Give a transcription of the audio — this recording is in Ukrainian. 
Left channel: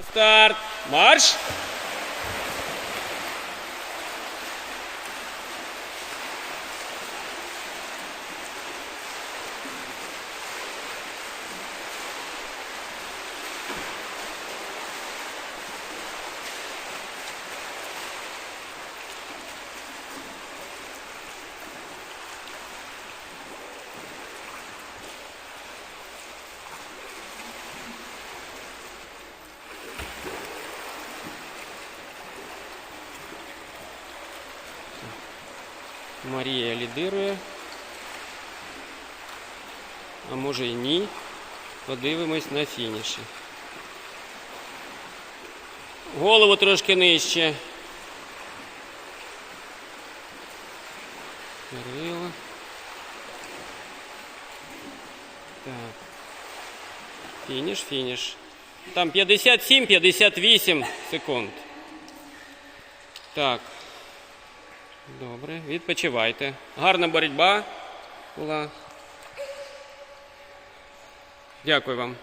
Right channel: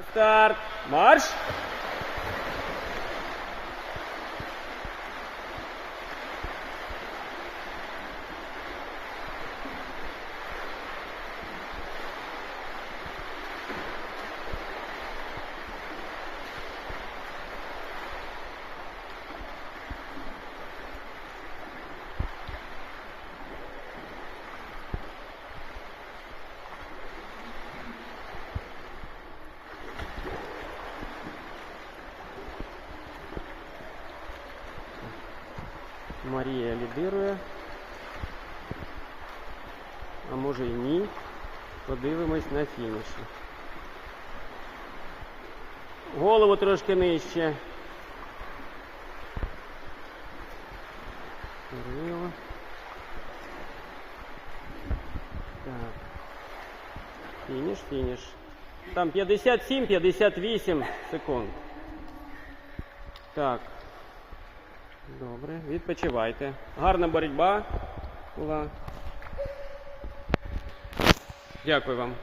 Start. March. Марія лідирує. А може і ні. Подивимось на фініші. Голову трошки нижче. Кирило. Так. Фініш, фініш. Там 57-58 секунд. Так. Добре, відпочивайте. Гарна боротьба була. Дякую вам.